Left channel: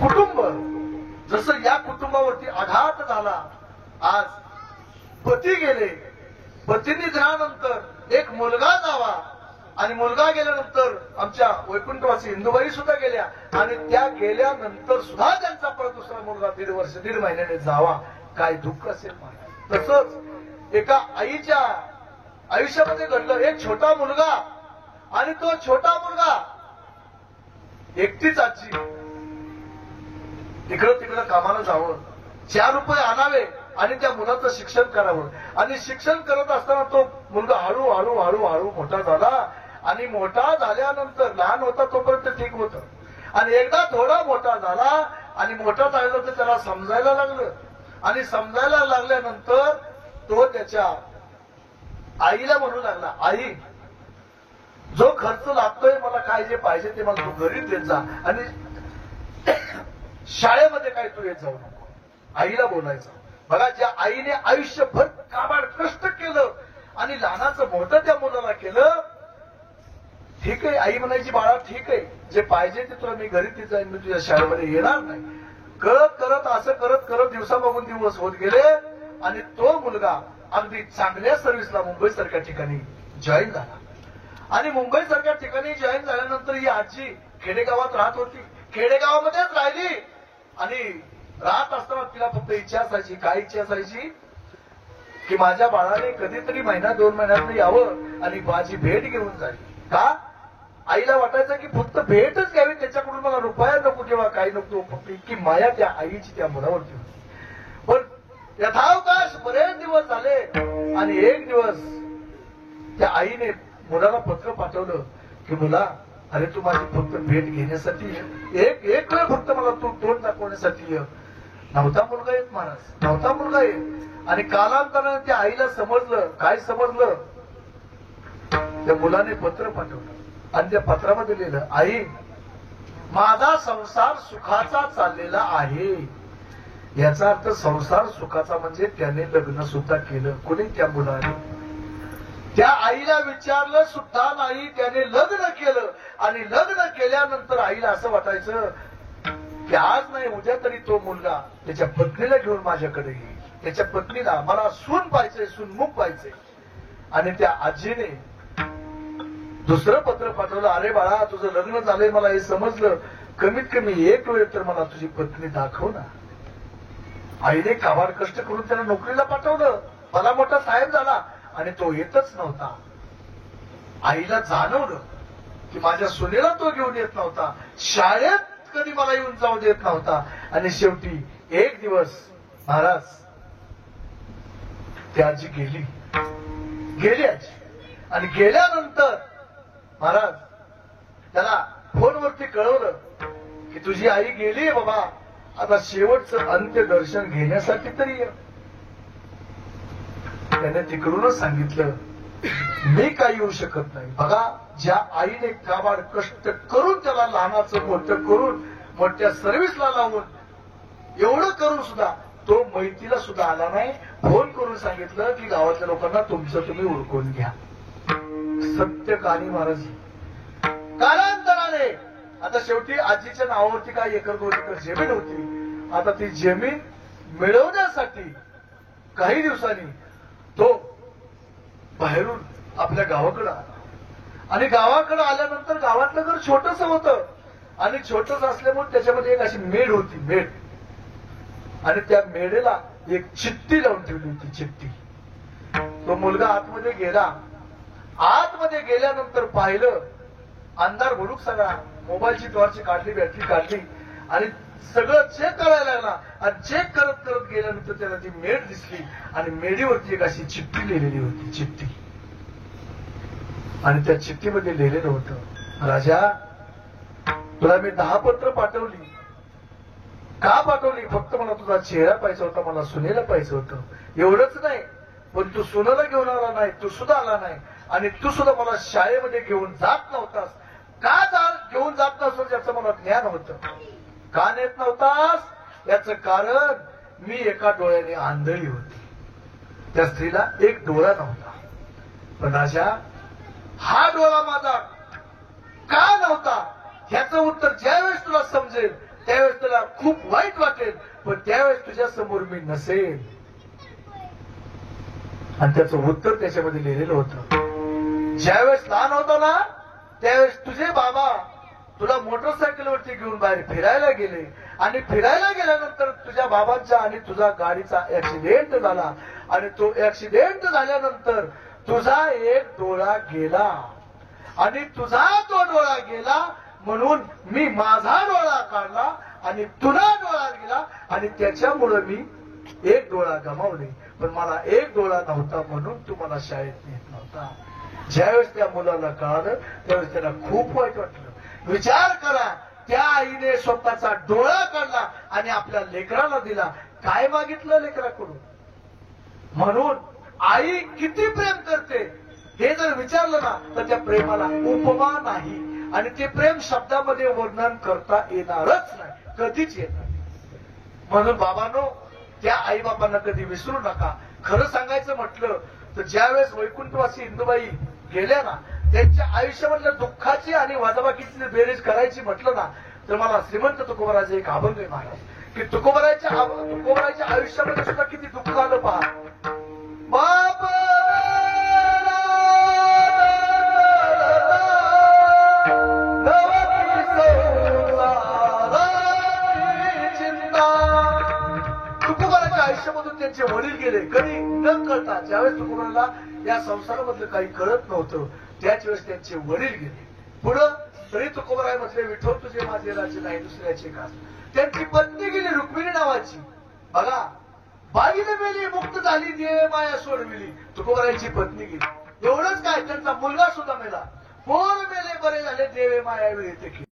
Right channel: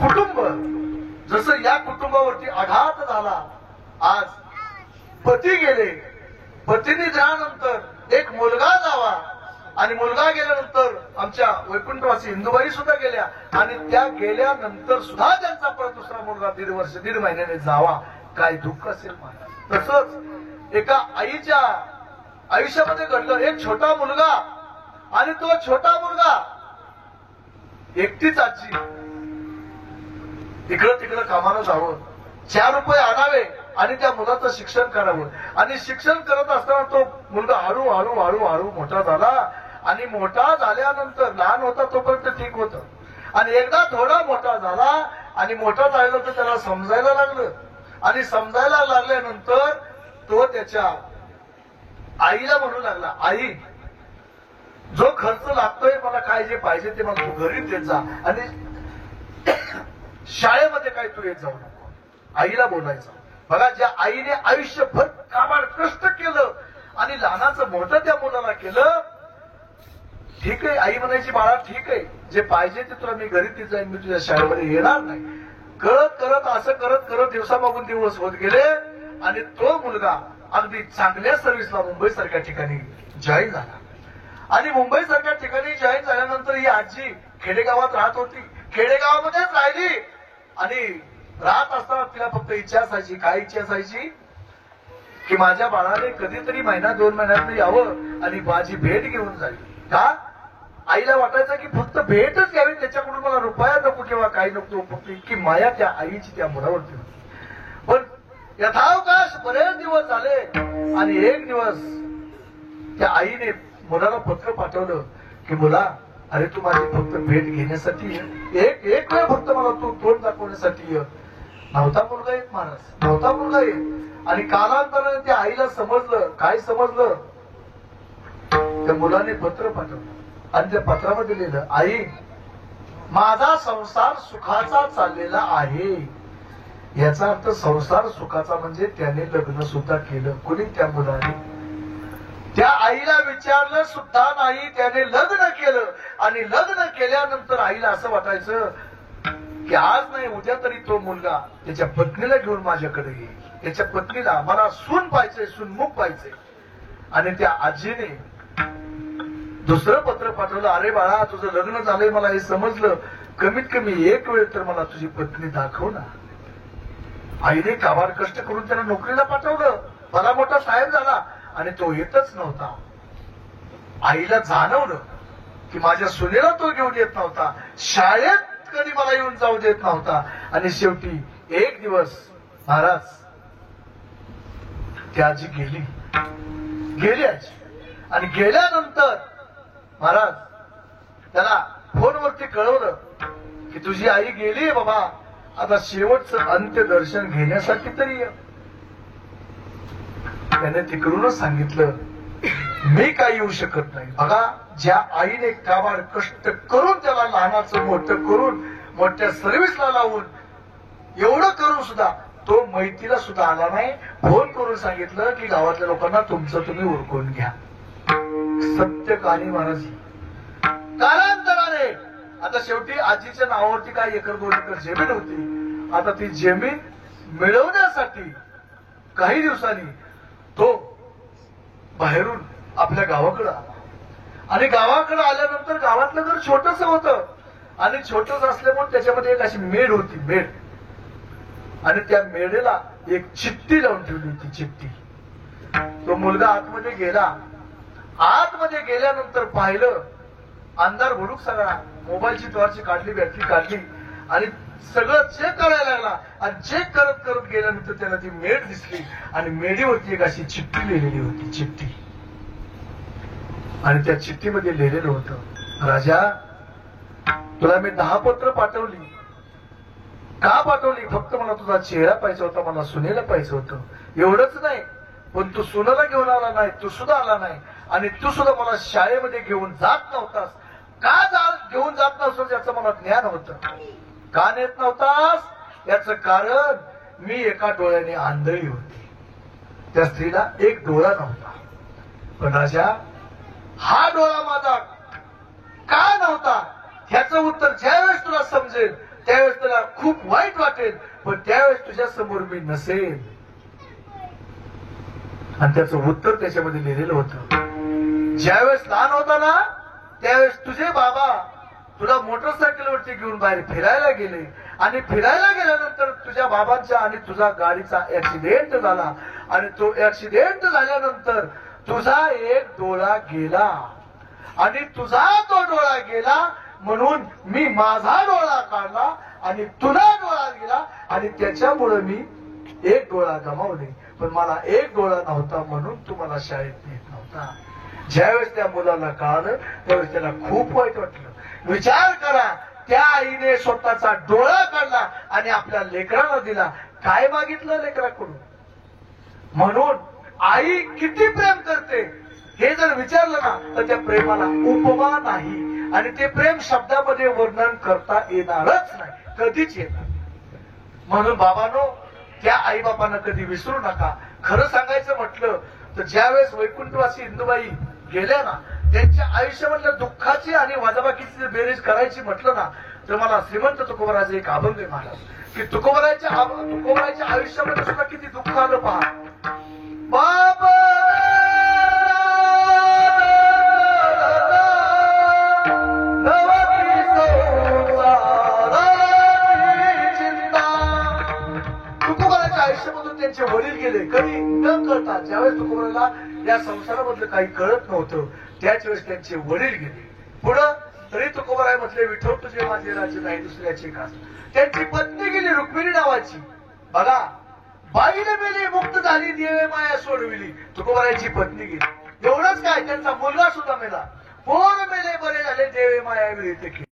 कुटुंब जसं या कुटुंबावरती आघात झाला. आज पती गेले, पतीने जाण्यानंतर एक मुलगा जावा आणि मुलगा गेल्यानंतर आमच्या वैकुंठवासी इंदुबाई सुद्धा गेल्या आणि त्या गेल्यानंतर सुद्धा त्यांचा परत दुसरा मुलगा 1.5 महिन्याने जावा. काय दुःख असेल महाराज. तसंच एका आईच्या आयुष्यामध्ये घडलं. एक छोटा मुलगा आणि तो छोटा मुलगा एकटीच आजी इकडं तिकडं कामाला जावं, 4 रुपये आणावे आणि त्या मुलाचं शिक्षण करावं. आणि शिक्षण करत असताना तो मुलगा हळूहळू हळूहळू मोठा झाला आणि मोठा झाल्यानंतर लहान होता तोपर्यंत ठीक होतं आणि एकदा थोडा मोठा झाला आणि मोठा झाल्यानंतर त्याला समजायला लागलं आणि समजायला लागल्यानंतर तो त्याच्या आईला म्हणू लागला, आई जो खर्च लागतोय मला काय जे पाहिजे ते मला तू घरी देत जा आणि शाळेमध्ये काय तू येत जाऊ नको. आईला बोलायचं. बघा, ज्या आईने आयुष्यभर काबाड कष्ट केलं आणि लहानाचं मोठं त्या मुलाला केलं. ठीक आहे, आई म्हणायची बाळा ठीक आहे, जे पाहिजे ते तुला मी घरी ती जाईन, मी तुझ्या शाळेमध्ये येणार नाही. करत करत असं करत करत दिवसामागून दिवस होत गेले आणि तो मुलगा अगदी चांगल्या सर्व्हिसला मुंबईसारख्या ठिकाणी जॉईन झाला. आणि मुंबईसारख्या ठिकाणी जॉईन झाल्यानंतर ही आजी खेडेगावात राहत होती. खेडेगावामध्येच राहिली आणि राहत असताना तिला फक्त इच्छा असायची. काय इच्छा असायची की माझ्या बाळाने कधीतरी 1-2 महिन्यात यावं आणि माझी भेट घेऊन जाईल. का? आईला वाटायचं की फक्त भेटच घ्यावी, त्याच्याकडून मला रुपया नको किंवा काही नको. फक्त इतकी माया त्या आईची त्या मुलावरती होती. पण यथावकाश बरेच दिवस झाले आणि एक दिवस त्या आईने मुलाला पत्र पाठवलं की मुला, अरे तू माझी फक्त भेट घेण्यासाठी एक वेळ फक्त मला तू तोंड दाखवण्यासाठी ये. नव्हता मुलगा येत महाराज, नव्हता मुलगा येत. आणि कालांतराने त्या आईला समजलं. काय समजलं? त्या मुलाने पत्र पाठवलं आणि त्या पत्रामध्ये लिहिलं, आई माझा संसार सुखाचा चाललेला आहे. याचा अर्थ संसार सुखाचा म्हणजे त्याने लग्न सुद्धा केलं. कुणी? त्या मुलाने. त्या आईला विचारलं सुद्धा नाही, त्याने लग्न केलं. आणि लग्न केल्यानंतर आईला असं वाटायचं की आज नाही उद्या तरी तो मुलगा त्याच्या पत्नीला घेऊन माझ्याकडे येईल. त्याच्या पत्नीला मला सून पाहिजे, सूनमुख पाहिजे. आणि त्या आजीने दुसरं पत्र पाठवलं, अरे बाळा तुझं लग्न झालंय मला हे समजलं, कमीत कमी एक वेळ तर मला तुझी पत्नी दाखव ना. आईने काबाड कष्ट करून त्याला नोकरीला पाठवलं. मला मोठा साहेब झाला आणि तो येतच नव्हता. आईला जाणवलं की माझ्या सुनेला तो घेऊन येत नव्हता, शाळेत कधी मला येऊन जाऊ देत नव्हता. आणि शेवटी एक दिवस महाराज ती आजी गेली आजी. आणि गेल्यानंतर महाराज त्याला फोनवरती कळवलं की तुझी आई गेली बाबा, आता शेवटचं अंत्यदर्शन घेण्यासाठी तरी ये. त्याने तिकडूनच सांगितलं मी काही येऊ शकत नाही. बघा, ज्या आईने काबाड कष्ट करून त्याला लहानाचं मोठं करून मोठ्या सर्व्हिसला लावून एवढं करून सुद्धा तो मैतीला सुद्धा आला नाही. फोन करून सांगितलं की गावातल्या लोकांना तुमचं तुम्ही उरकून घ्या. सत्य कहाणी महाराज. कालांतराने आता शेवटी आजीच्या नावावरती काय 1-2 एकर जमीन होती. आता ती जमीन मिळवण्यासाठी काही दिवसांनी तो बाहेरून आपल्या गावाकडे आला. आणि गावाकडे आल्यानंतर गावातलं घर छोटस होतं आणि छोटस असल्यामुळे त्याच्यामध्ये एक अशी मेढ होती, मेढ. आणि त्या मेढेला एक चिठ्ठी लावून ठेवली होती, चिठ्ठी. तो मुलगा आतमध्ये गेला. आतमध्ये गेल्यानंतर पाहिलं अंधार भुडूक सगळा. मोबाईलची टॉर्च काढली, बॅटरी काढली आणि सगळं चेक करायला लागला. आणि चेक करत करत गेल्यानंतर त्याला ती मेढ दिसली आणि मेढीवरती एक अशी चिठ्ठी लिहिलेली होती, चिठ्ठी. आणि त्या चिठ्ठीमध्ये लिहिलेलं होतं, राजा तुला मी 10 पत्र पाठवली. का पाठवली? फक्त मला तुझा चेहरा पाहिजे होता, मला सुनेला पाहिजे होतं. एवढंच नाही, पण तू सुनेला घेऊन आला नाही, तू सुद्धा आला नाही. आणि तू सुद्धा मला शाळेमध्ये घेऊन जात नव्हतास. का घेऊन जात नव्हतं याचं मला ज्ञान होतं. का नेत नव्हतास याचं कारण मी एका डोळ्याने आंधळी होती. त्या स्त्रीला एक डोळा नव्हता. पण राजा हा डोळा माझा का नव्हता ह्याचं उत्तर ज्यावेळेस तुला समजेल त्यावेळेस तुला खूप वाईट वाटेल, पण त्यावेळेस तुझ्या समोर मी नसेल. आणि त्याचं उत्तर त्याच्यामध्ये लिहिलेलं होतं. ज्यावेळेस लहान होता ना त्यावेळेस तुझे बाबा तुला मोटरसायकलवरती घेऊन बाहेर फिरायला गेले आणि फिरायला गेल्यानंतर तुझ्या बाबांचा आणि तुझा गाडीचा ऍक्सिडेंट झाला आणि तो ऍक्सिडेंट झाल्यानंतर तुझा एक डोळा गेला आणि तुझा तो डोळा गेला म्हणून मी माझा डोळा काढला आणि तुझा डोळा गेला आणि त्याच्यामुळे मी एक डोळा गमावले, पण मला एक डोळा नव्हता म्हणून तू मला शाळेत नेत नव्हता. ज्यावेळेस त्या मुलाला कळालं त्यावेळेस त्याला खूप वाईट वाटलं. विचार करा, त्या आईने स्वतःचा डोळा काढला आणि आपल्या लेकराला दिला. काय मागितलं लेकराकडून? म्हणून आई किती प्रेम करते हे जर विचारलं ना तर त्या प्रेमाला उपमा नाही आणि ते प्रेम शब्दामध्ये वर्णन करता येणारच नाही, कधीच येणार. म्हणून बाबांनो, त्या आई बाबांना कधी विसरू नका. खरं सांगायचं म्हटलं तर ज्यावेळेस वैकुंठवासी इंदुबाई गेल्या ना त्यांच्या आयुष्यामधल्या दुःखाची आणि वजाबाकीची बेरीज करायची म्हटलं ना तर मला श्रीमंत तुकोबाराचे एक अभंग आहे महाराज की तुकोबाराच्या आयुष्यामध्ये सुद्धा किती दुःख आलं पहा. बाबा तुकोबाराच्या आयुष्यामधून त्यांचे वडील गेले कधी न कळता. ज्यावेळेस तुकोबाराला या संसारामधलं काही कळत नव्हतं त्याच वेळेस त्यांचे वडील गेले. पुढं तरी तुकोबाराय म्हटले, विठो तुझे माझे राज्य नाही दुसऱ्याचे का. त्यांची पत्नी गेली रुक्मिणी नावाची. बघा, बाईने मेली मुक्त झाली देवे माया सोडविली. तुकोबारायची पत्नी गेली. एवढंच काय, त्यांचा मुलगा सुद्धा मेला. पोर मेले बरे झाले देवे माया विरहित केली.